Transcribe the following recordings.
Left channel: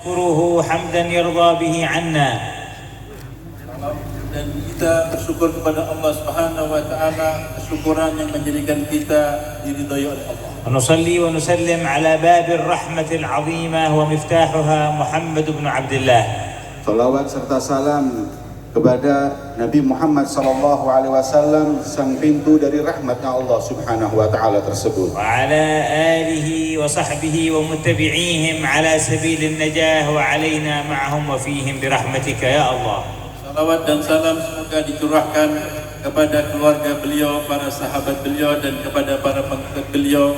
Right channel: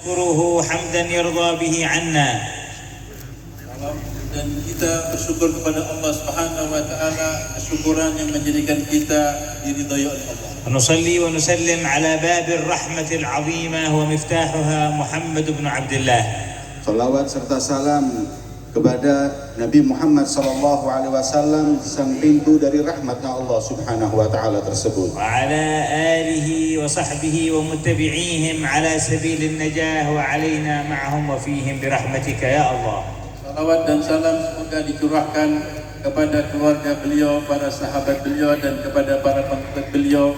نشكره حمدا يرضى به عنا. Dan kita bersyukur kepada Allah Subhanahu wa taala, syukuran yang menjadikan kita diridhai oleh Allah. ونصلي ونسلم على باب الرحمة العظيمة ومفتاحها محمد بن عبد الله. Salawat serta salam kepada Nabi Muhammad sallallahu alaihi wasallam, sang pintu dari rahmatnya Allah Subhanahu wa taala tersebut. وعلى آله وصحبه ومتبعيهم على سبيل النجاة وعلينا معهم وفيهم برحمتك يا الله. Salawat dan salam semoga dicurahkan kepada keluarga beliau, para sahabat beliau, dan kepada para pengikut beliau,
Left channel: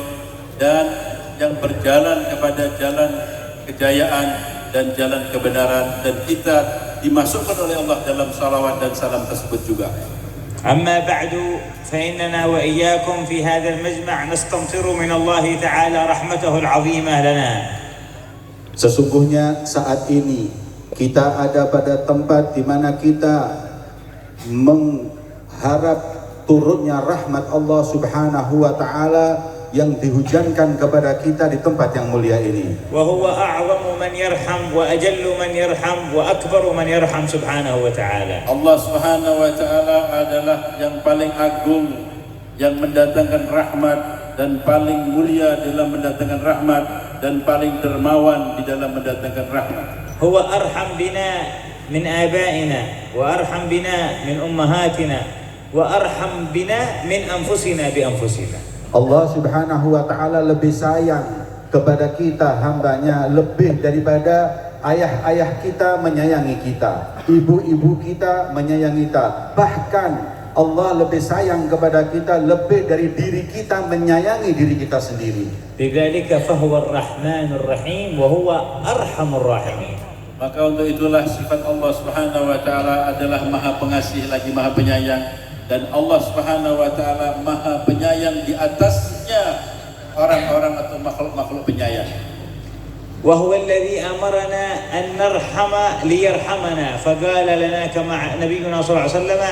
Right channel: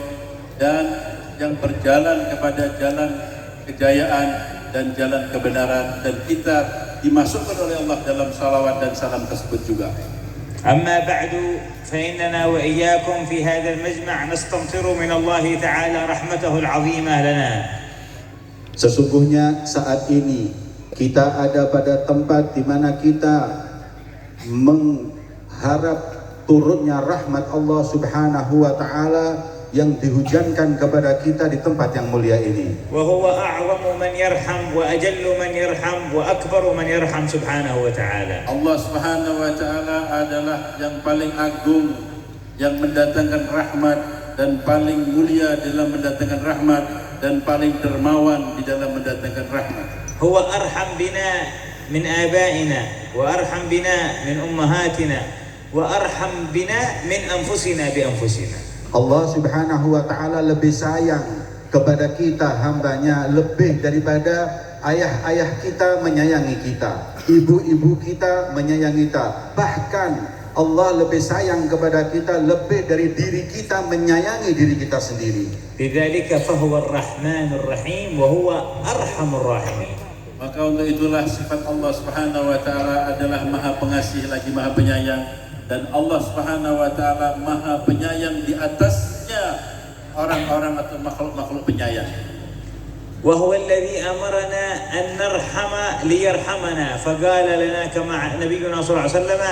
dan yang berjalan kepada jalan kejayaan dan jalan kebenaran, dan kita dimasukkan oleh Allah dalam salawat dan salam tersebut juga. أما بعد فإننا وإياكم في هذا المجمع نستمطر من الله تعالى رحمته العظيمة لنا. Sesungguhnya saat ini kita ada pada tempat di mana kita mengharap turunnya rahmat Allah Subhanahu wa taala yang dihujankan kepada kita di tempat yang mulia ini. وهو أعظم من يرحم وأجل من يرحم وأكبر من يرحم سبحانه وتعالى. Allah Subhanahu wa taala adalah yang paling agung, yang mendatangkan rahmat, dan paling mulia dalam mendatangkan rahmat, dan paling dermawan di dalam mendatangkan rahmat. هو أرحم بنا من آبائنا وأرحم بنا من أمهاتنا وأرحم بنا من أنفسنا بأنفسنا. Allah Subhanahu wa taala lebih sayang kepada kita hambanya lebih daripada ayah-ayah kita menyayangi kita, ibu-ibu kita menyayangi kita. Bahkan Allah lebih sayang kepada kita lebih dari diri kita menyayangi diri kita sendiri. لذلك فهو الرحمن الرحيم وهو أرحم الراحمين. Maka untuk itulah sifat Allah Subhanahu wa taala adalah Maha Pengasih lagi Maha Penyayang, dan Allah Subhanahu wa taala Maha Penyayang di atasnya orang-orang atau makhluk-makhluk penyayang. وهو الذي أمرنا أن نرحم ليرحمنا، فقال لنا كما نبينا صلى الله عليه وسلم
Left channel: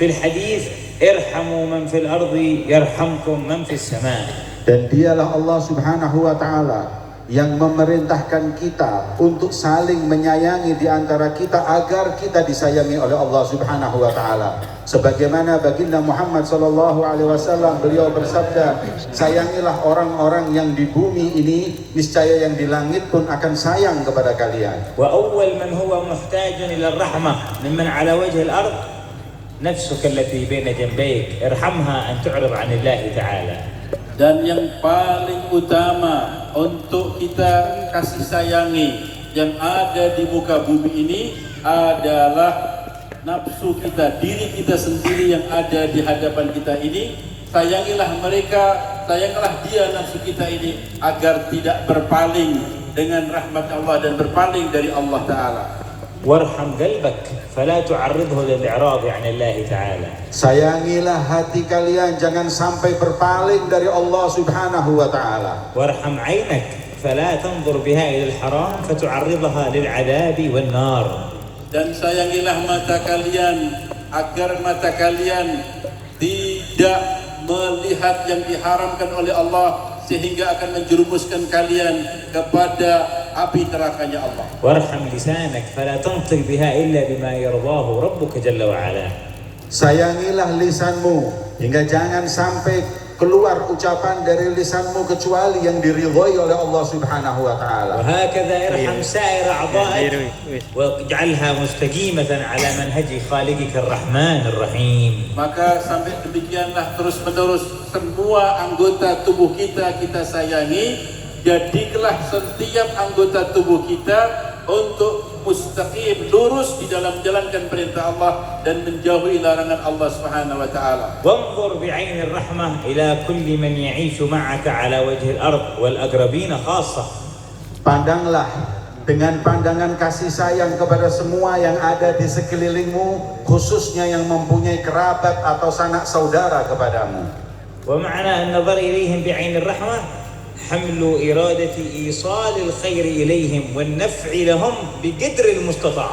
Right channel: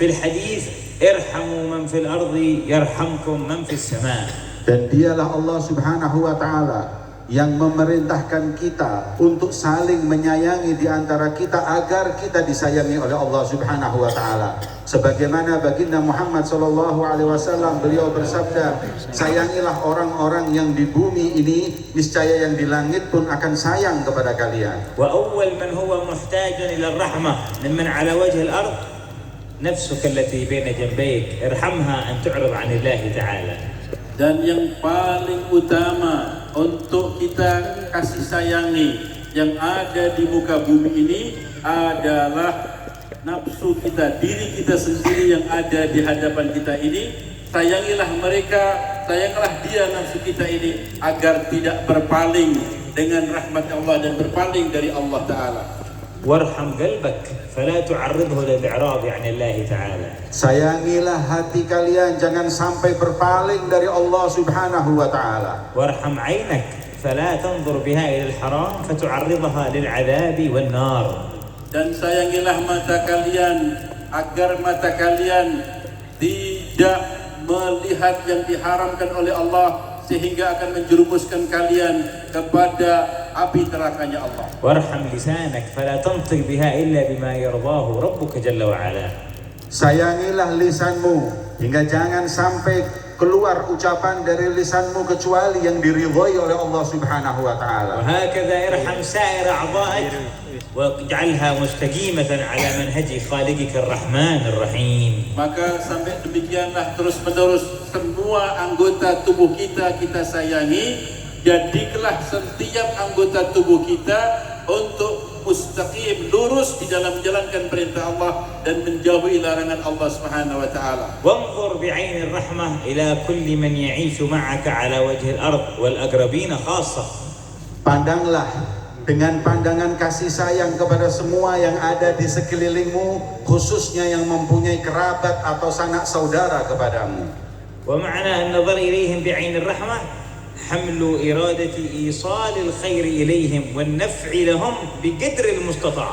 في الحديث ارحموا من في الأرض يرحمكم من في السماء. Dan dialah Allah Subhanahu wa taala yang memerintahkan kita untuk saling menyayangi di antara kita agar kita disayangi oleh Allah Subhanahu wa taala. Sebagaimana baginda Muhammad sallallahu alaihi wasallam, beliau bersabda, sayangilah orang-orang yang di bumi ini, niscaya yang di langit pun akan sayang kepada kalian. وأول من هو محتاج إلى الرحمة ممن على وجه الأرض نفسك التي بين جنبيك ارحمها أن تعرض عن الله تعالى. Dan yang paling utama untuk kita kasih sayangi yang ada di muka bumi ini adalah nafsu kita, diri kita sendiri yang ada di hadapan kita ini. Sayangilah mereka, sayangilah dia nafsu kita ini agar tidak berpaling dengan rahmat Allah dan berpaling dari Allah Ta'ala. وارحم قلبك فلا تعرضه للإعراض عن الله تعالى. Sayangilah hati kalian, jangan sampai berpaling dari Allah Subhanahu wa taala. وارحم عينك فلا تنظر بها إلى الحرام فتعرضها للعذاب والنار. Dan sayangilah mata kalian agar mata kalian tidak melihat yang diharamkan oleh Allah sehingga akan menjerumuskan kalian kepada api nerakanya Allah. وارحم لسانك فلا تنطق بها إلا بما يرضاه ربك جل وعلا. Sayangilah lisanmu hingga jangan sampai keluar ucapan dari lisanmu kecuali yang diridhoi oleh Allah Subhanahu wa taala. وهكذا ارحم سائر أعضائك واجعلها مستقيمة على منهج خالقك الرحمن الرحيم. Maka sampai demikianlah terus menerus semua anggota tubuh kita sayangi. Jadilah setiap anggota tubuh kita untuk mustaqim, lurus di dalam menjalankan perintah Allah dan menjauhi larangan Allah Subhanahu wa taala. وانظر بعين الرحمة إلى كل من يعيش معك على وجه الأرض والأقربين خاصة. Pandanglah dengan pandangan kasih sayang kepada semua yang ada di sekelilingmu, khususnya yang mempunyai kerabat atau sanak saudara kepadamu. ومعنى النظر إليهم بعين الرحمة حمل إرادة إيصال الخير إليهم والنفع لهم بقدر المستطاع.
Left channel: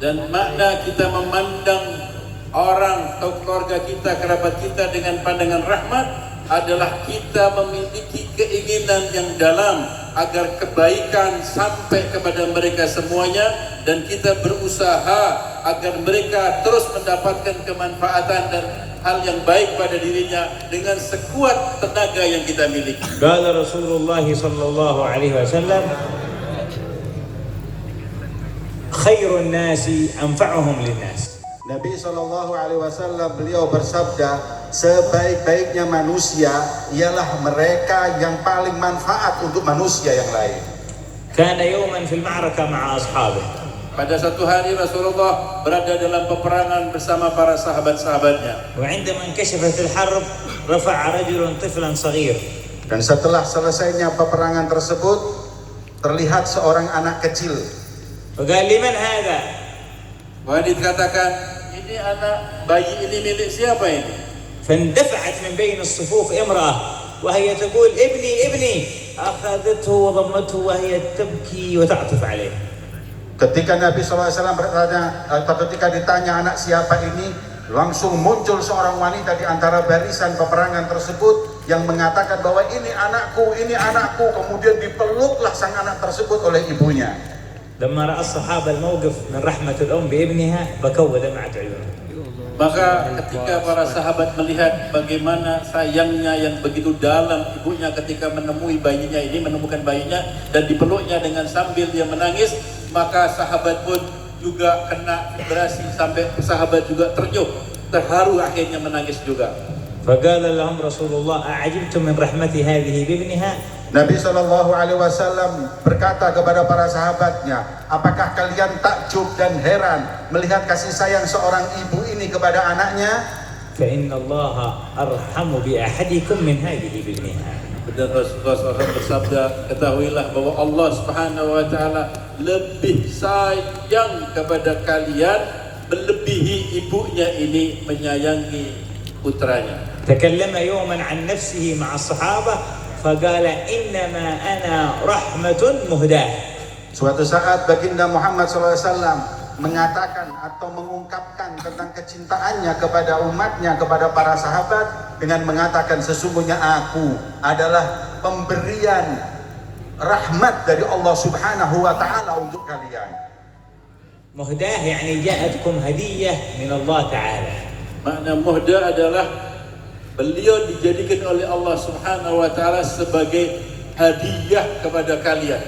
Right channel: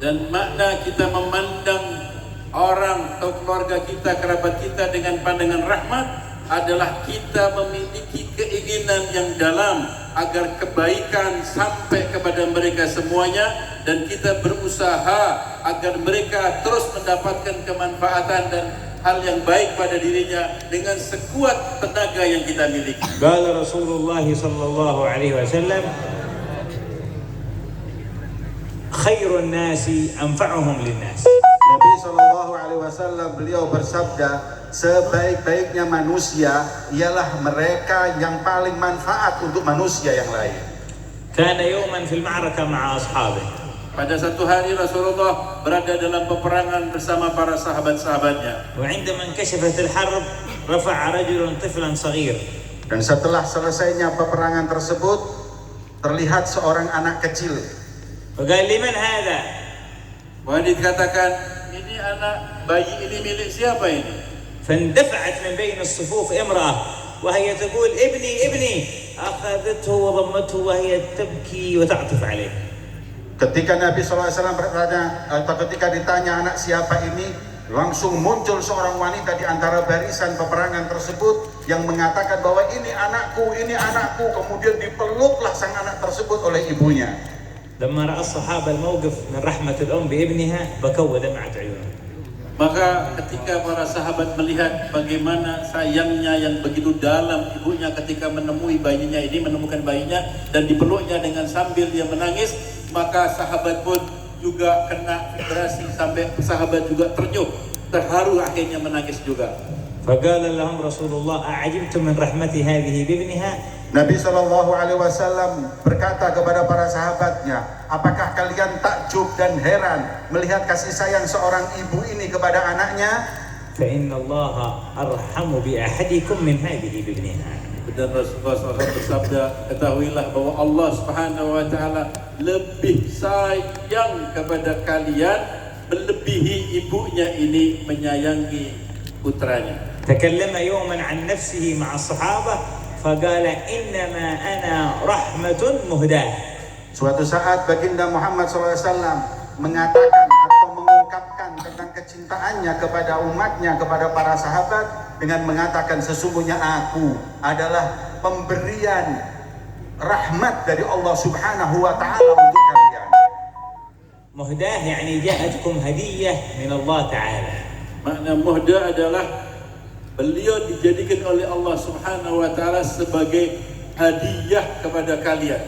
Dan makna kita memandang orang atau keluarga kita, kerabat kita dengan pandangan rahmat adalah kita memiliki keinginan yang dalam agar kebaikan sampai kepada mereka semuanya, dan kita berusaha agar mereka terus mendapatkan kemanfaatan dan hal yang baik pada dirinya dengan sekuat tenaga yang kita miliki. Qala Rasulullah sallallahu alaihi wasallam, khairun nasi anfa'uhum linnas. Nabi Shallallahu Alaihi Wasallam beliau bersabda, sebaik-baiknya manusia ialah mereka yang paling manfaat untuk manusia yang lain. Kana yawman fil ma'raka ma'a ashabihi. Pada satu hari Rasulullah berada dalam peperangan bersama para sahabat-sahabatnya. وعندما انكشفت الحرب رفع رجل طفلا صغير. Dan setelah selesainya peperangan tersebut, terlihat seorang anak kecil. وقال لمن هذا؟ Wah, dikatakan, ini anak bayi ini milik siapa ini? فاندفعت من بين الصفوف امرأة وهي تقول ابني ابني، أخذته وضمته وهي تبكي وتعطف عليه. Ketika Nabi SAW bertanya, atau ketika ditanya anak siapa ini, langsung muncul seorang wanita di antara barisan peperangan tersebut yang mengatakan bahwa ini anakku, kemudian dipeluklah sang anak tersebut oleh ibunya. لما رأى الصحابة الموقف من رحمة الأم بابنها بكوا ودمعت عيونهم. Maka ketika para sahabat melihat bagaimana sayangnya yang begitu dalam ibunya ketika menemukan bayinya dan dipeluknya dengan sambil dia menangis, maka sahabat pun juga kena vibrasi sampai sahabat juga terharu akhirnya menangis juga. فقال لهم رسول الله أعجبتم من رحمة هذه بابنها. Nabi Shallallahu Alaihi Wasallam berkata kepada para sahabatnya, apakah kalian takjub dan heran melihat kasih sayang seorang ibu ini kepada anaknya? فإن الله أرحم بأحدكم من هذه بابنها. Dan Rasulullah SAW bersabda, ketahuilah bahwa Allah Subhanahu Wa Taala lebih sayang kepada kalian melebihi ibunya ini menyayangi putranya. تكلم يوما عن نفسه مع الصحابة فقال إنما أنا رحمة مهداة. Suatu saat baginda Muhammad SAW mengatakan atau mengungkapkan tentang kecintaannya kepada umatnya, kepada para sahabat dengan mengatakan, sesungguhnya aku adalah pemberian rahmat dari Allah Subhanahu Wa Taala untuk kalian. مهداة يعني جاءتكم هدية من الله تعالى. Makna muhda adalah beliau dijadikan oleh Allah Subhanahu Wa Taala sebagai hadiah kepada kalian.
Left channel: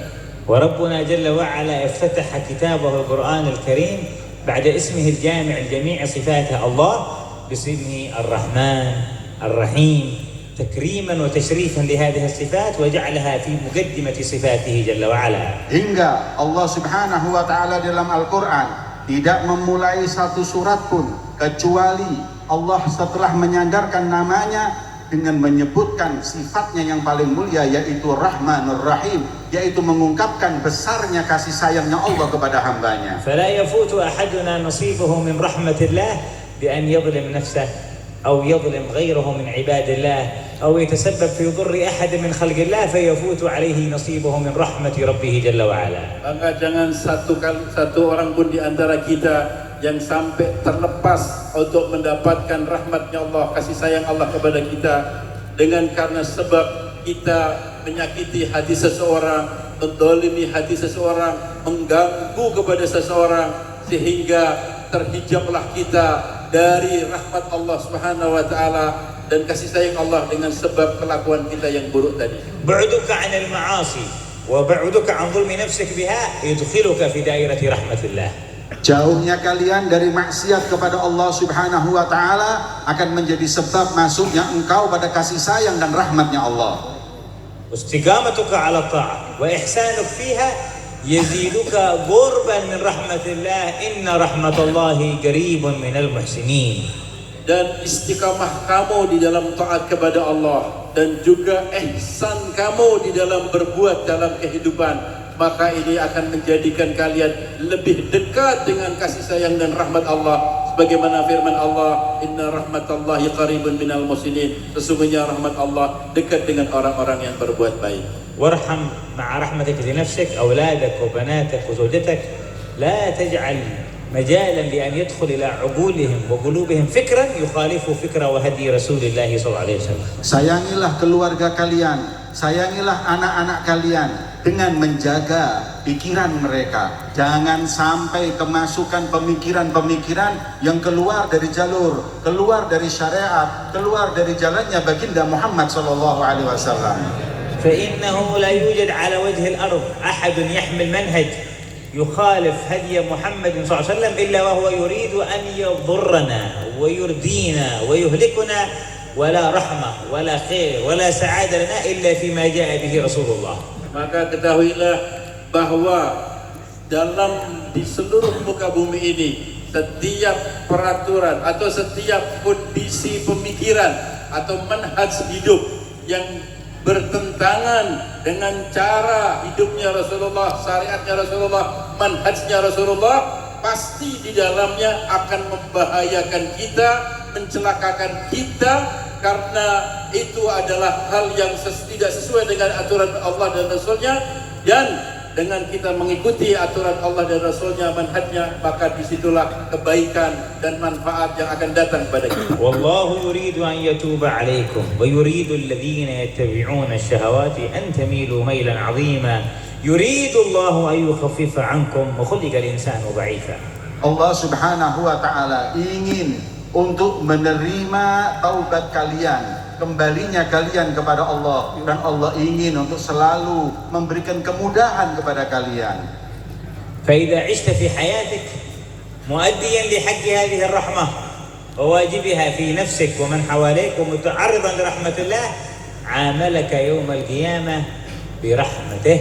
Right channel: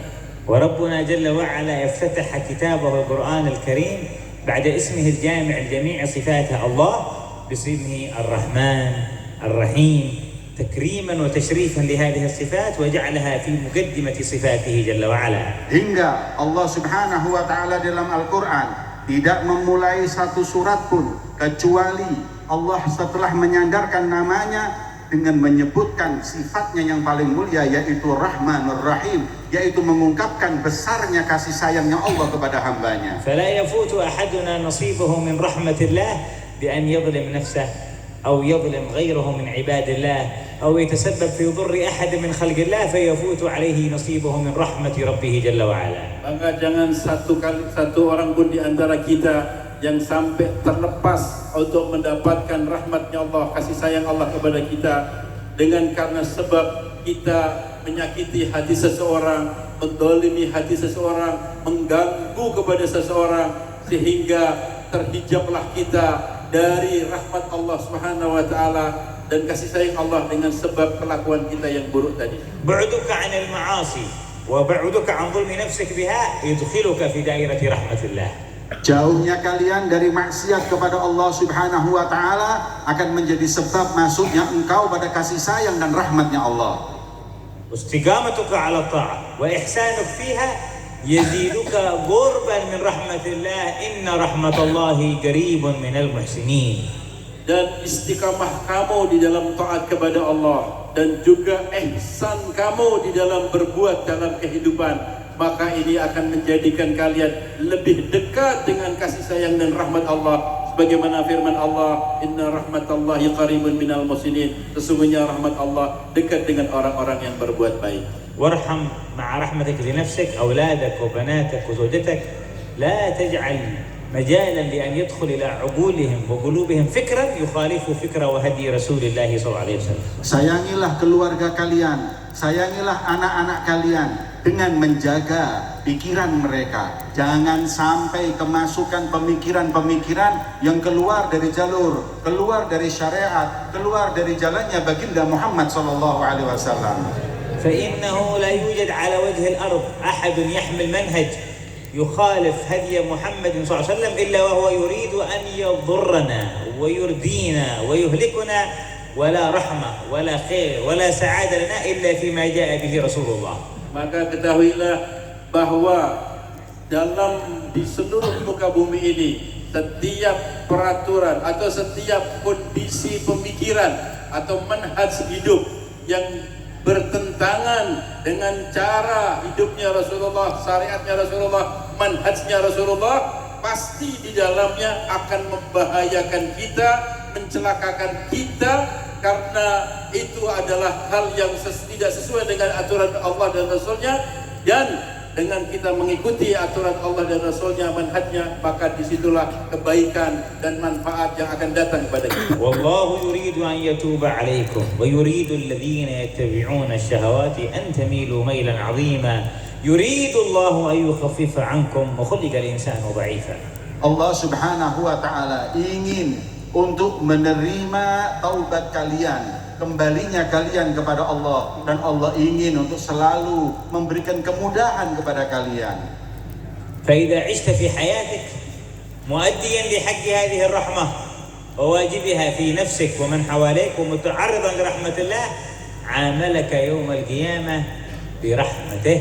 وربنا جل وعلا افتتح كتابه القرآن الكريم بعد اسمه الجامع لجميع صفات الله باسمه الرحمن الرحيم تكريما وتشريفا لهذه الصفات وجعلها في مقدمة صفاته جل وعلا. Hingga Allah Subhanahu Wa Taala dalam Al-Quran tidak memulai satu surat pun kecuali Allah setelah menyandarkan namanya dengan menyebutkan sifatnya yang paling mulia, yaitu Rahmanur Rahim, yaitu mengungkapkan besarnya kasih sayangnya Allah kepada hambanya. فلا يفوت أحدنا نصيبه من رحمة الله بأن يظلم نفسه أو يظلم غيره من عباد الله أو يتسبب في ضر أحد من خلق الله فيفوت عليه نصيبه من رحمة ربه جل وعلا. Maka jangan satu orang pun di antara kita yang sampai terlepas untuk mendapatkan rahmatnya Allah, kasih sayang Allah kepada kita dengan karena sebab kita menyakiti hati seseorang, mendolimi hati seseorang, mengganggu kepada seseorang, sehingga terhijablah kita dari rahmat Allah Subhanahu Wa Taala dan kasih sayang Allah dengan sebab kelakuan kita yang buruk tadi. بعدك عن المعاصي وبعدك عن ظلم نفسك بها يدخلك في دائرة رحمة الله. Jauhnya kalian dari maksiat kepada Allah Subhanahu Wa Taala akan menjadi sebab masuknya engkau pada kasih sayang dan rahmatnya Allah. واستقامتك على الطاعة وإحسانك فيها يزيدك قربا من رحمة الله إن رحمة الله قريب من المحسنين. Dan istiqamah kamu di dalam taat kepada Allah dan juga ihsan kamu di dalam berbuat dalam kehidupan, maka ini akan menjadikan kalian lebih dekat dengan kasih sayang dan rahmat Allah, sebagaimana firman Allah, inna rahmatallahi qaribun minal muhsinin, sesungguhnya rahmat Allah dekat dengan orang-orang yang berbuat baik. وارحم مع رحمتك لنفسك أولادك وبناتك وزوجتك لا تجعل مجالا لأن يدخل إلى عقولهم وقلوبهم فكرا يخالف فكر وهدي رسول الله صلى الله عليه وسلم. Sayangilah keluarga kalian, sayangilah anak-anak kalian dengan menjaga pikiran mereka. Jangan sampai kemasukan pemikiran-pemikiran yang keluar dari jalur, keluar dari syariat, keluar dari jalannya baginda Muhammad sallallahu alaihi wasallam. فإنه لا يوجد على وجه الأرض أحد يحمل منهج يخالف هدي محمد صلى الله عليه وسلم إلا وهو يريد أن يضرنا ويردينا ويهلكنا ولا رحمة ولا خير ولا سعادة لنا إلا فيما جاء به رسول الله. Maka ketahuilah bahwa di seluruh muka bumi ini setiap peraturan atau setiap kondisi pemikiran atau manhaj hidup yang bertentangan dengan cara hidupnya Rasulullah, syariatnya Rasulullah, manhajnya Rasulullah, pasti di dalamnya akan membahayakan kita, mencelakakan kita, karena itu adalah hal yang tidak sesuai dengan aturan Allah dan Rasulnya. Dan dengan kita mengikuti aturan Allah dan Rasulnya, manhajnya, maka disitulah kebaikan dan manfaat yang akan datang kepada kita. Wallahu yuridu an yatuba alaikum wa yuridu alladhina yattabi'una ash-shahawati an tamilu mailan 'azima yuridu Allahu an yukhaffifa 'ankum wa khuliqa al-insanu dha'ifa. Allah Subhanahu wa taala ingin untuk menerima taubat kalian, kembalinya kalian kepada Allah, dan Allah ingin untuk selalu memberikan kemudahan kepada kalian. فإذا عشت في حياتك مؤديا لحق هذه الرحمة وواجبها في نفسك ومن حواليك ومتعرضا لرحمة الله عاملك يوم القيامة برحمته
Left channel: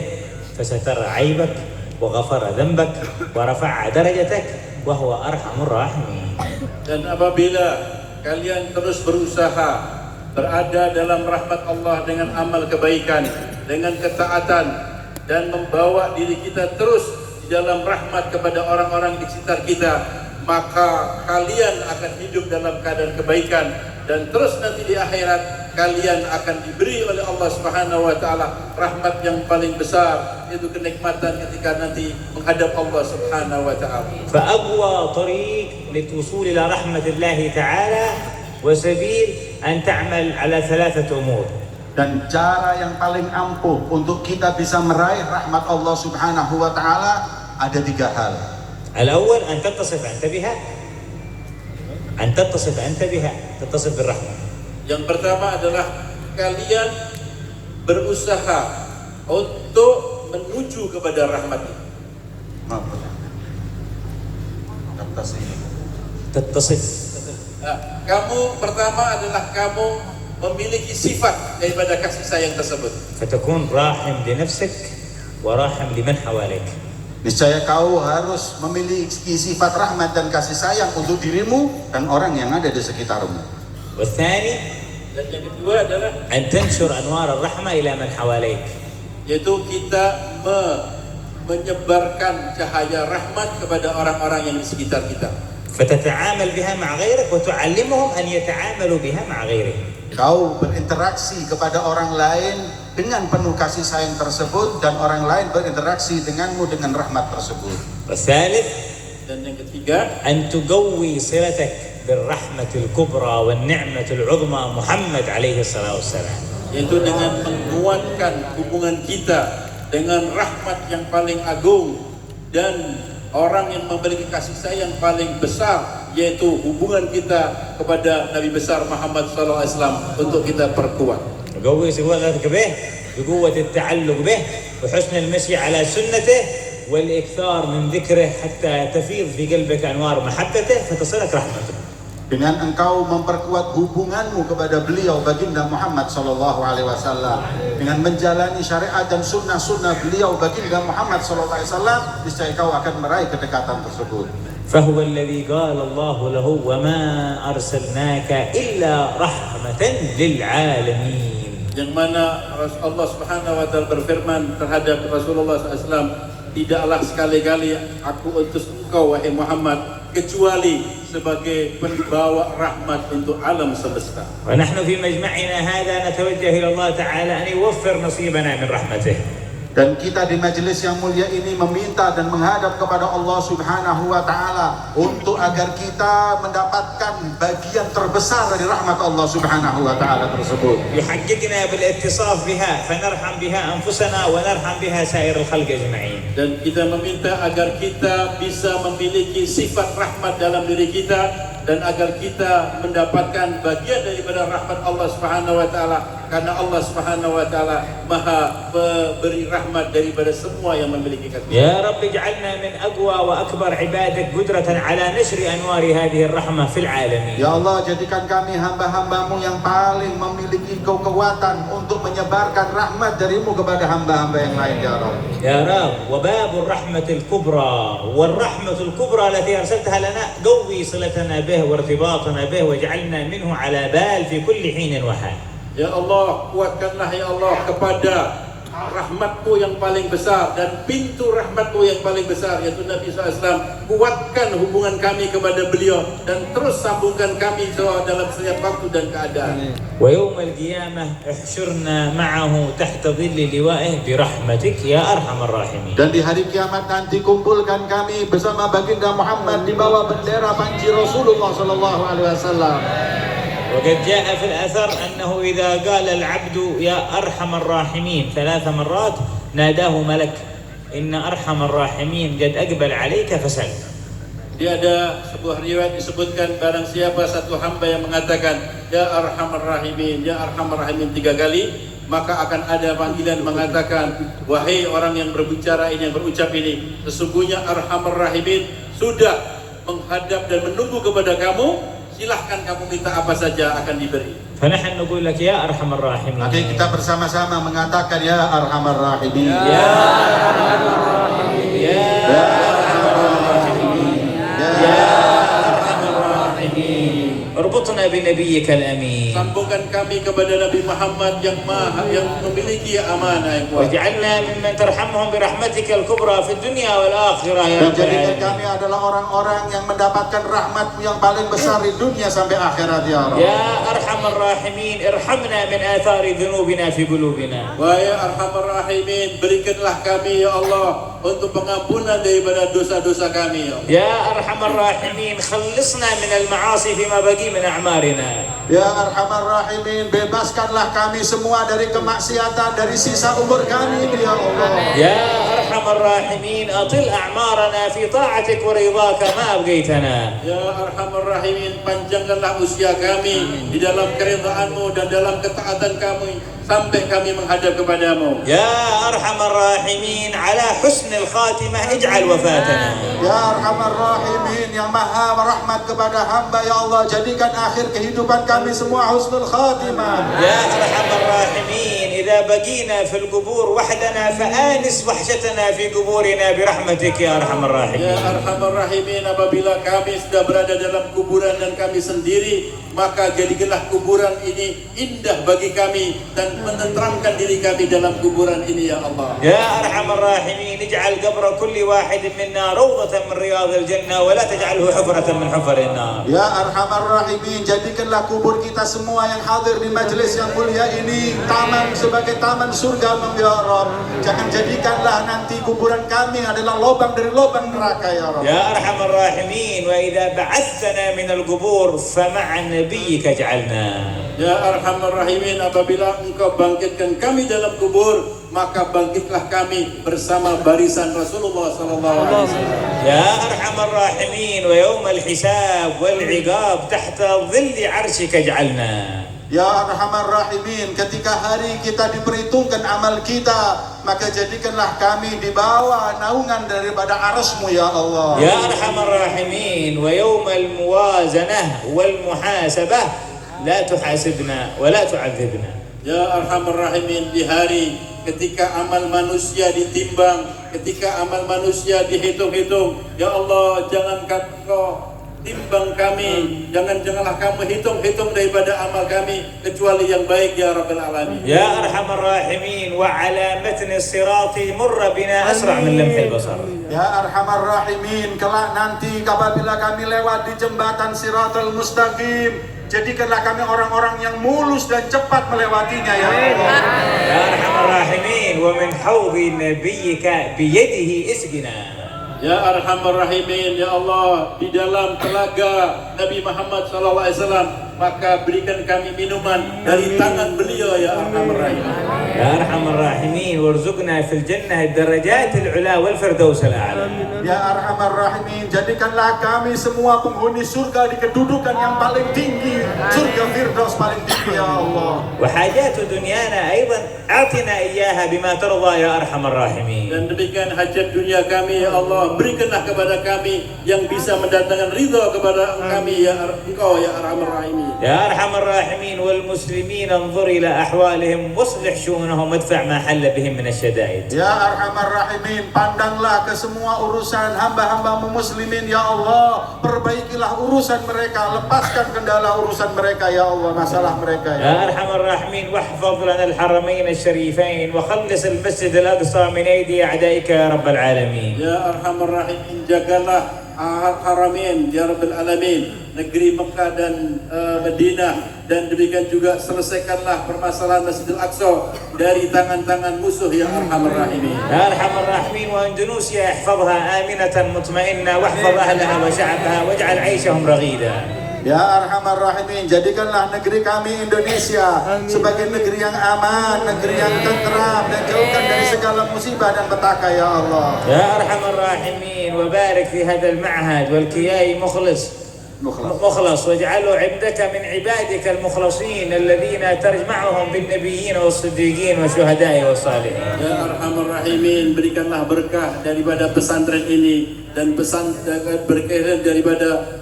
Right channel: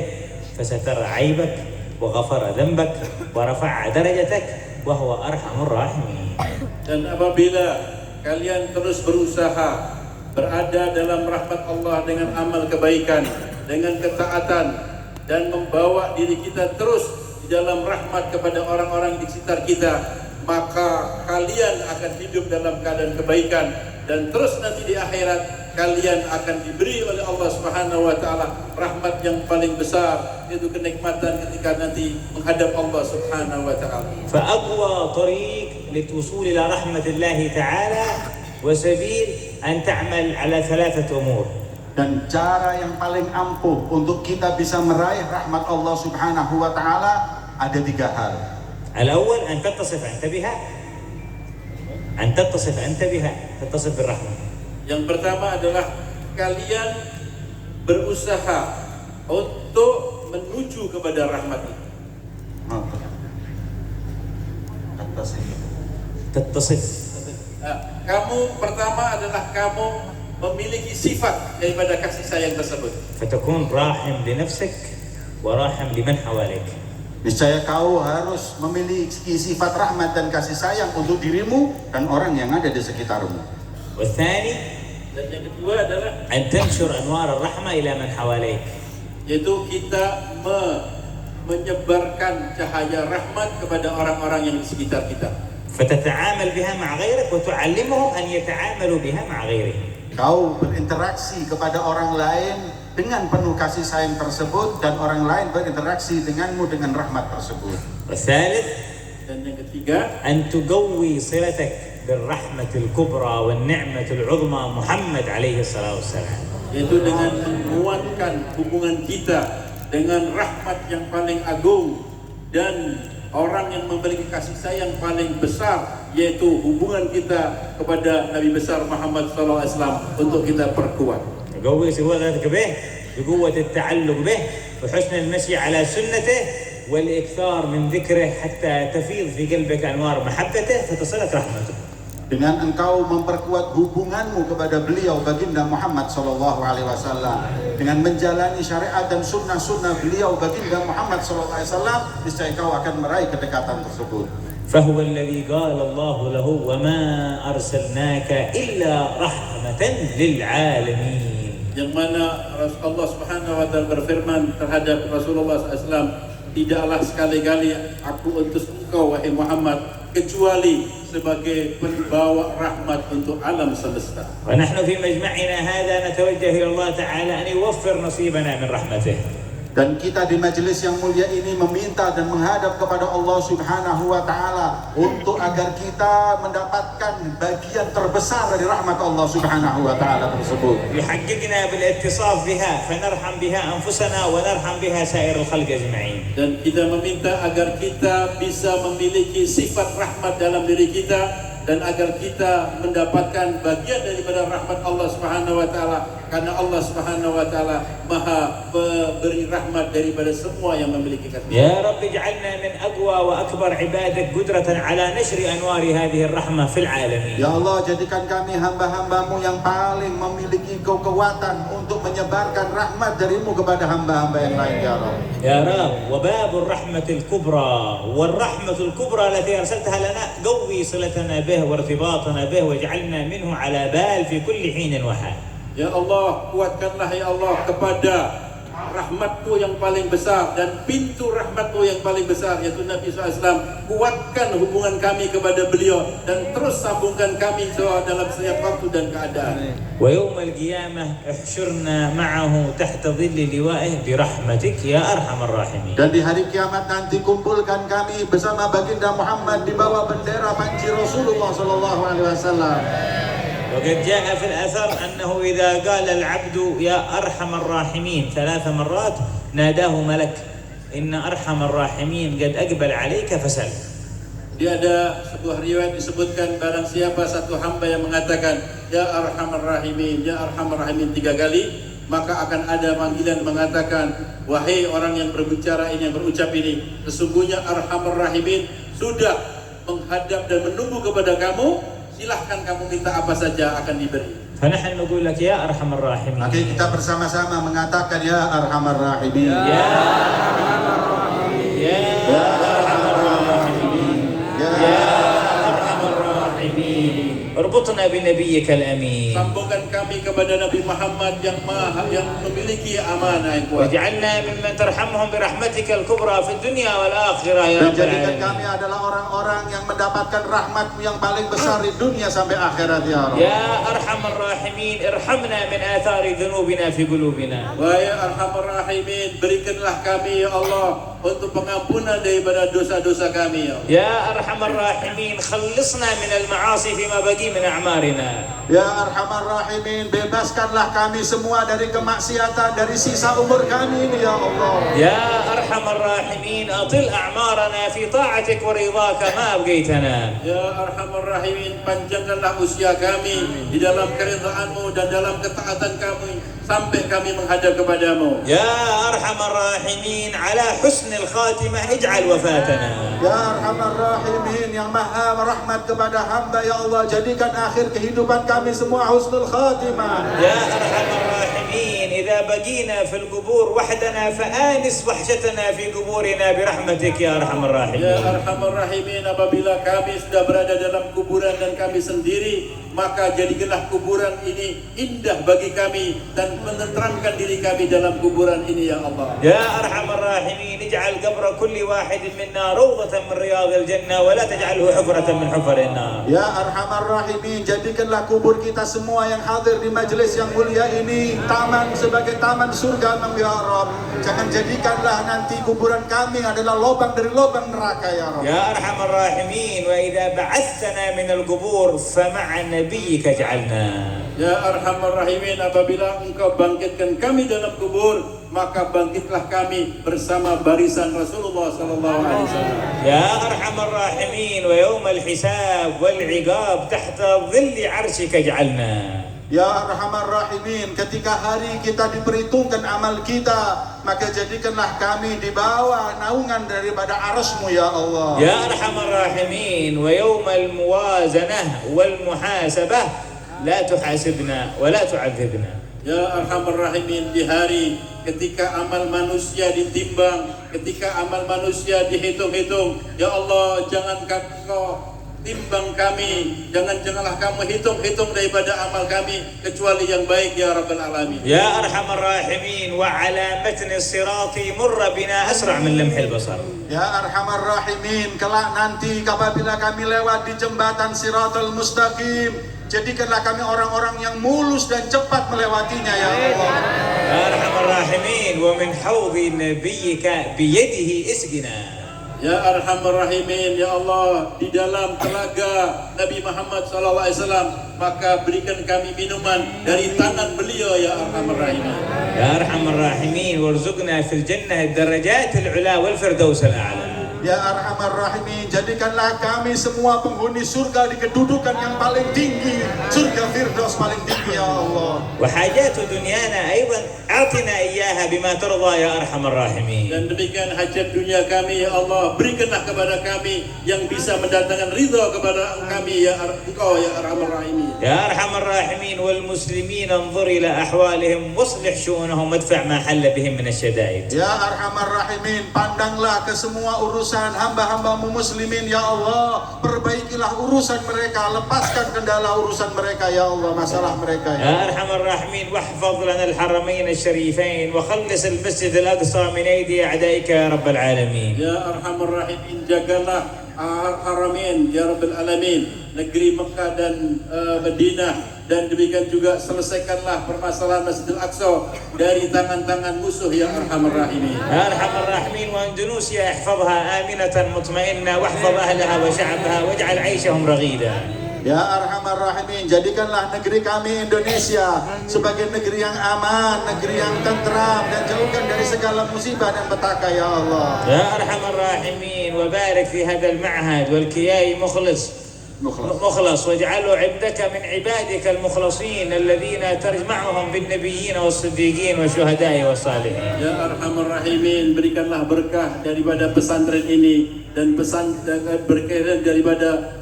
فسترى عيبك وغفر ذنبك ورفع درجتك وهو أرحم الراحمين. Dan apabila kalian terus berusaha berada dalam rahmat Allah dengan amal kebaikan, dengan ketaatan, dan membawa diri kita terus di dalam rahmat kepada orang-orang di sekitar kita, maka kalian akan hidup dalam keadaan kebaikan, dan terus nanti di akhirat kalian akan diberi oleh Allah Subhanahu wa taala rahmat yang paling besar, yaitu kenikmatan ketika nanti menghadap Allah Subhanahu wa taala. فأقوى طريق للوصول إلى رحمة الله تعالى وسبيل أن تعمل على ثلاثة أمور. Dan cara yang paling ampuh untuk kita bisa meraih rahmat Allah Subhanahu wa taala ada 3 hal. الأول أن تتصف أنت بها، أن تتصف أنت بها، تتصف بالرحمة. Yang pertama adalah kalian berusaha untuk menuju kepada rahmat itu. تتصف. Kamu pertama adalah kamu memiliki sifat daripada kasih sayang tersebut. فتكون راحم لنفسك وراحم لمن حواليك. Niscaya kau harus memiliki sifat rahmat dan kasih sayang untuk dirimu dan orang yang ada di sekitarmu. والثاني Dan yang kedua adalah أن تنشر أنوار الرحمة إلى من حواليك. yaitu kita menyebarkan cahaya rahmat kepada orang-orang yang di sekitar kita. فتتعامل بها مع غيرك وتعلمهم أن يتعاملوا بها مع غيرهم. Kau berinteraksi kepada orang lain dengan penuh kasih sayang tersebut, dan orang lain berinteraksi denganmu dengan rahmat tersebut. والثالث Dan yang ketiga, أن تقوي صلتك بالرحمة الكبرى والنعمة العظمى محمد عليه الصلاة والسلام. yaitu dengan menguatkan hubungan kita dengan rahmat yang paling agung dan orang yang memiliki kasih sayang paling besar, yaitu hubungan kita kepada Nabi besar Muhammad SAW untuk kita perkuat. تقوي صلتك به بقوة التعلق به وحسن المشي على سنته والإكثار من ذكره حتى تفيض في قلبك أنوار محبته فتصلك رحمته. Dengan engkau memperkuat hubunganmu kepada beliau baginda Muhammad sallallahu alaihi wasallam, dengan menjalani syariat dan sunnah-sunnah beliau baginda Muhammad sallallahu alaihi wasallam, niscaya kau akan meraih kedekatan tersebut. فهو الذي قال الله له وما أرسلناك إلا رحمة للعالمين. Yang mana Allah Subhanahu wa taala berfirman terhadap Rasulullah SAW, tidaklah sekali-kali aku utus engkau wahai Muhammad kecuali sebagai pembawa rahmat untuk alam semesta. ونحن في مجمعنا هذا نتوجه إلى الله تعالى أن يوفر نصيبنا من رحمته. Dan kita di majelis yang mulia ini meminta dan menghadap kepada Allah Subhanahu wa Ta'ala untuk agar kita mendapatkan bagian terbesar dari rahmat Allah Subhanahu wa Ta'ala tersebut. يحققنا بالاتصاف بها فنرحم بها أنفسنا ونرحم بها سائر الخلق أجمعين. Dan kita meminta agar kita bisa memiliki sifat rahmat dalam diri kita dan agar kita mendapatkan bagian daripada rahmat Allah Subhanahu wa Ta'ala, karena Allah Subhanahu wa Ta'ala Maha beri rahmat daripada semua yang memiliki kasih. يا رب اجعلنا من أقوى وأكبر عبادك قدرة على نشر أنوار هذه الرحمة في العالمين. Ya Allah, jadikan kami hamba-hambamu yang paling memiliki kekuatan untuk menyebarkan rahmat darimu kepada hamba-hamba yang lain, ya Rabb. يا رب وباب الرحمة الكبرى والرحمة الكبرى التي أرسلتها لنا قوي صلتنا به وارتباطنا به واجعلنا منه على بال في كل حين وحال. Ya Allah, kuatkanlah ya Allah kepada rahmatmu yang paling besar dan pintu rahmatmu yang paling besar, yaitu Nabi SAW. Kuatkan hubungan kami kepada beliau dan terus sambungkan kami dalam setiap waktu dan keadaan. ويوم القيامة احشرنا معه تحت ظل لوائه برحمتك يا أرحم الراحمين. Dan di hari kiamat nanti kumpulkan kami bersama baginda Muhammad di bawah bendera panji Rasulullah sallallahu alaihi wasallam. وقد جاء في الأثر أنه إذا قال العبد يا أرحم الراحمين 3 مرات ناداه ملك إن أرحم الراحمين قد أقبل عليك فسل. Dia ada sebuah riwayat disebutkan barang siapa satu hamba yang mengatakan ya Arhamar Rahimin, ya Arhamar Rahimin 3 kali, maka akan ada panggilan mengatakan, wahai orang yang berbicara ini, yang berucap ini, sesungguhnya Arhamar Rahimin sudah menghadap dan menunggu kepada kamu, silahkan kamu minta apa saja akan diberi. فنحن نقول لك يا أرحم الراحمين. Maka kita bersama-sama mengatakan ya Arhamar Rahimin. يا أرحم الراحمين. يا أرحم الراحمين. يا أرحم الراحمين. اربطنا بنبيك الأمين. Sambungkan kami kepada Nabi Muhammad yang memiliki amanah yang kuat. واجعلنا ممن ترحمهم برحمتك الكبرى في الدنيا والآخرة يا Dan رب jadikan العالمين. kami adalah orang-orang yang mendapatkan rahmat yang paling besar di dunia sampai akhirat, ya Rabb. يا أرحم الراحمين ارحمنا من آثار ذنوبنا في قلوبنا. Wahai Arhamar Rahimin, berikanlah kami ya Allah untuk pengampunan daripada dosa-dosa kami ya Allah. يا أرحم الراحمين خلصنا من المعاصي فيما بقي من أعمارنا. Ya Arhamar Rahimin, bebaskanlah kami semua dari kemaksiatan dari sisa umur kami ini, ya Allah. يا أرحم الراحمين أطل أعمارنا في طاعتك ورضاك ما أبقيتنا. Ya Arhamar Rahimin, panjangkanlah usia kami di dalam keridhaan-Mu dan dalam ketaatan kami sampai kami menghadap kepadamu. يا أرحم الراحمين على حسن الخاتمة اجعل وفاتنا. Ya Arhamar Rahimin, yang maha merahmat kepada hamba, ya Allah, jadikan akhir kehidupan kami semua husnul khatimah. يا أرحم الراحمين إذا بقينا في القبور وحدنا فآنس وحشتنا في قبورنا برحمتك يا أرحم Ya الراحمين. Arhamar Rahimin, apabila kami sudah berada dalam kuburan dan kami sendiri, maka jadikanlah kuburan ini indah bagi kami dan menenteramkan diri kami dalam kuburan ini ya Allah. يا أرحم الراحمين اجعل قبر كل واحد منا روضة من رياض الجنة ولا تجعله حفرة من حفر النار. Ya Arhamar Rahimin, jadikanlah kubur kita semua yang hadir di majelis yang mulia ini taman sebagai taman surga, ya Rabb. Jangan jadikanlah nanti kuburan kami adalah lubang dari lubang neraka, ya Rabb. يا أرحم الراحمين وإذا بعثتنا من القبور فمع نبيك اجعلنا. Ya Arhamar Rahimin, apabila Engkau bangkitkan kami dalam kubur, maka bangkitlah kami bersama barisan Rasulullah sallallahu alaihi wasallam. يا أرحم الراحمين ويوم الحساب والعقاب تحت ظل عرشك اجعلنا. Ya Arhamar Rahimin, ketika hari kita diperhitungkan amal kita, maka jadikanlah kami di bawah naungan daripada arasmu, ya Allah. يا أرحم الراحمين ويوم الموازنة والمحاسبة لا تحاسبنا ولا تعذبنا. Ya Arhamar Rahimin, di hari ketika amal manusia ditimbang, ketika amal manusia dihitung-hitung, ya Allah, jangan Kau timbang kami, janganlah kamu hitung-hitung daripada amal kami kecuali yang baik ya Rabbal Alamin. يا أرحم الراحمين وعلى متن الصراط مر بنا أسرع من لمح البصر. Ya Arhamar Rahimin, kelak nanti apabila kami lewat di jembatan Siratal Mustaqim, Jadikanlah kami orang-orang yang mulus dan cepat melewatinya ya Allah. يا أرحم الراحمين ومن حوض نبيك بيده اسقنا. Ya Arhamar Rahimin, ya Allah, di dalam telaga Nabi Muhammad SAW, maka berikan kami minuman dari tangan beliau, ya Arhamar Rahimin. يا أرحم الراحمين وارزقنا في الجنة الدرجات العلى والفردوس الأعلى. Ya Arhamar Rahimin, jadikanlah kami semua penghuni surga di kedudukan yang paling tinggi, surga Firdaus paling tinggi ya Allah. وحاجات دنيانا أيضا أعطنا إياها بما ترضى يا أرحم الراحمين. Dan demikian hajat dunia kami, ya Allah, berikanlah kepada kami yang bisa mendatangkan ridha kepada kami, ya Engkau, ya Arhamar Rahimin. يا أرحم الراحمين والمسلمين انظر إلى أحوالهم واصلح شؤونهم وادفع ما حل بهم من الشدائد. Ya Arhamar Rahimin, pandanglah ke semua urusan hamba-hambamu muslimin ya Allah, perbaikilah urusan mereka, lepaskan kendala urusan mereka ya Allah, masalah mereka ya. يا أرحم الراحمين واحفظ لنا الحرمين الشريفين وخلص المسجد الأقصى من أيدي أعدائك يا رب العالمين. Ya Arhamar Rahimin, jagalah Haramain ya Rabbal Alamin, negeri Mekah dan Madinah, dan demikian juga selesaikanlah permasalahan Masjidil Aqsa dari tangan-tangan musuh ya Arhamar Rahimin. يا أرحم الراحمين وأندونيسيا احفظها آمنة مطمئنة واحفظ أهلها وشعبها واجعل عيشهم رغيدا. Ya Arhamar Rahimin, jadikanlah negeri kami Indonesia sebagai negeri yang aman, negeri yang tentram, dan jauhkan dari segala musibah dan petaka ya Allah. يا أرحم الراحمين وبارك في هذا المعهد والكياي مخلص واجعله عندك من عبادك المخلصين الذين تجمعهم بالنبيين والصديقين والشهداء والصالحين. Ya Arhamar Rahimin, berikanlah berkah daripada pesantren ini dan berkah daripada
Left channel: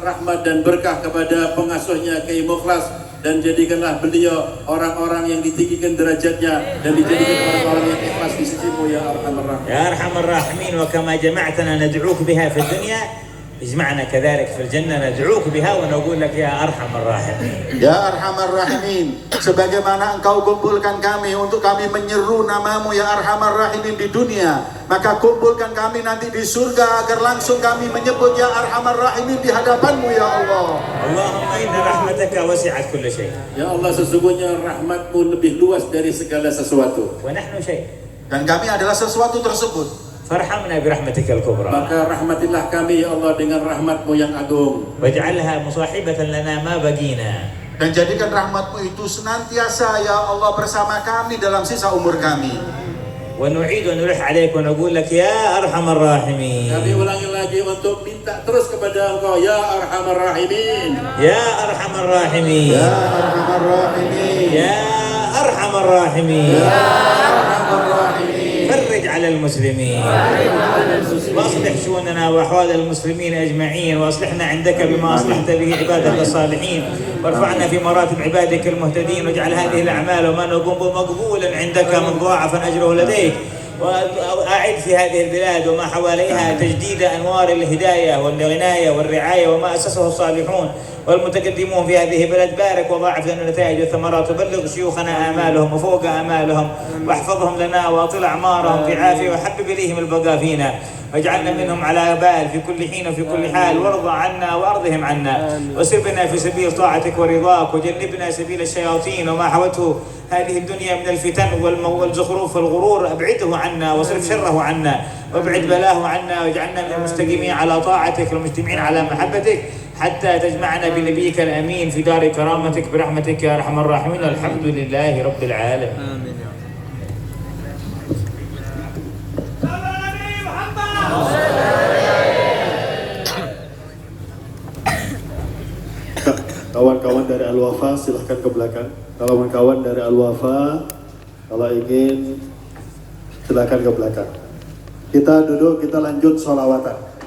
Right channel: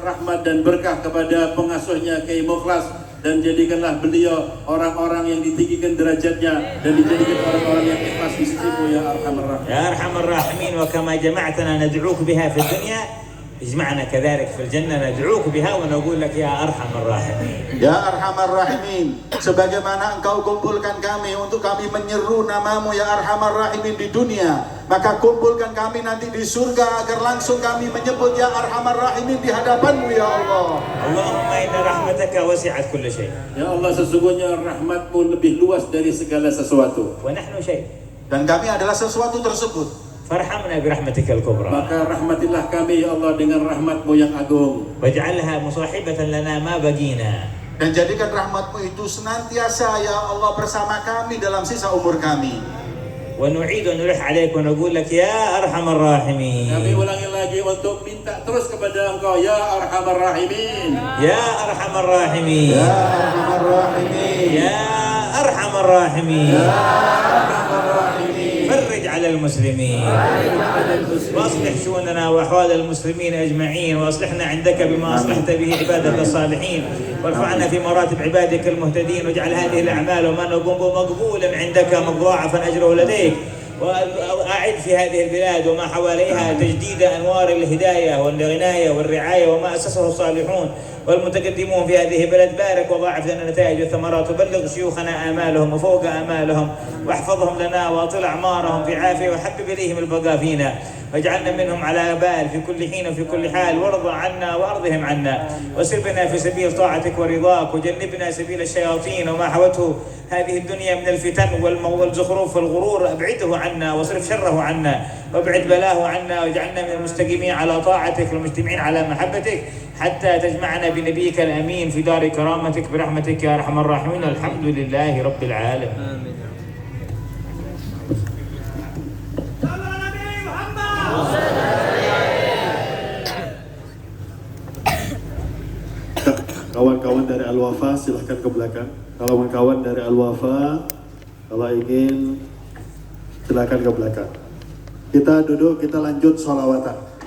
rahmat dan berkah kepada pengasuhnya Kiai Mukhlas, dan jadikanlah beliau orang-orang yang ditinggikan derajatnya dan dijadikan orang-orang yang ikhlas di sisimu ya Arhamar Rahimin. يا أرحم الراحمين وكما جمعتنا ندعوك بها في الدنيا اجمعنا كذلك في الجنة ندعوك بها ونقول لك يا أرحم الراحمين. Ya Arhamar Rahimin, sebagaimana Engkau kumpulkan kami untuk kami menyeru namamu ya Arhamar Rahimin di dunia, maka kumpulkan kami nanti di surga agar langsung kami menyebut ya Arhamar Rahimin di hadapanmu ya Allah. اللهم إن رحمتك وسعت كل شيء. Ya Allah, sesungguhnya rahmatmu lebih luas dari segala sesuatu, ونحن شيء. Dan kami adalah sesuatu tersebut. فارحمنا برحمتك الكبرى. maka rahmatilah kami ya Allah dengan rahmatmu yang agung, واجعلها مصاحبة لنا ما بقينا. Dan jadikan rahmatmu itu senantiasa ya Allah bersama kami dalam sisa umur kami. ونعيد ونلح عليك ونقول لك يا أرحم kami الراحمين. ulangi lagi untuk minta terus kepada Engkau ya Arhamar Rahimin. يا أرحم الراحمين. Ya Arhamar Rahimin. يا أرحم الراحمين. Arhamar Rahimin. فرج على المسلمين واصلح شؤوننا واحوال المسلمين اجمعين، واصلحنا عندك بما اصلحت به عبادك الصالحين، وارفعنا في مراتب عبادك المهتدين، واجعل هذه الاعمال وما نقوم به مقبولا عندك مضاعفا اجره لديك، وأعد في هذه البلاد وما حواليها تجديد أنوار الهداية والعناية والرعاية وما أسسه الصالحون والمتقدمون في هذه البلد. بارك وضاعف لنا النتائج والثمرات، وبلغ شيوخنا آمالهم وفوق آمالهم، واحفظهم لنا وأطل أعمارهم في عافية، وحبب إليهم البقاء فينا، واجعلنا منهم على بال في كل حين وفي كل حال، وارض عنا وأرضهم عنا، وسر بنا في سبيل طاعتك ورضاك، وجنبنا سبيل الشياطين وما حوته هذه الدنيا من الفتن والزخرف والغرور، أبعده عنا واصرف شره عنا، وابعد بلاه عنا، واجعلنا من المستقيمين على طاعتك والمجتمعين على محبتك، حتى تجمعنا بنبيك الأمين في دار كرامتك برحمتك يا أرحم الراحمين. الحمد لله رب العالمين. Kawan-kawan dari Al-Wafa silahkan ke belakang. Kawan-kawan dari Al-Wafa kalau ingin silahkan ke belakang. Kita duduk, kita lanjut sholawatan.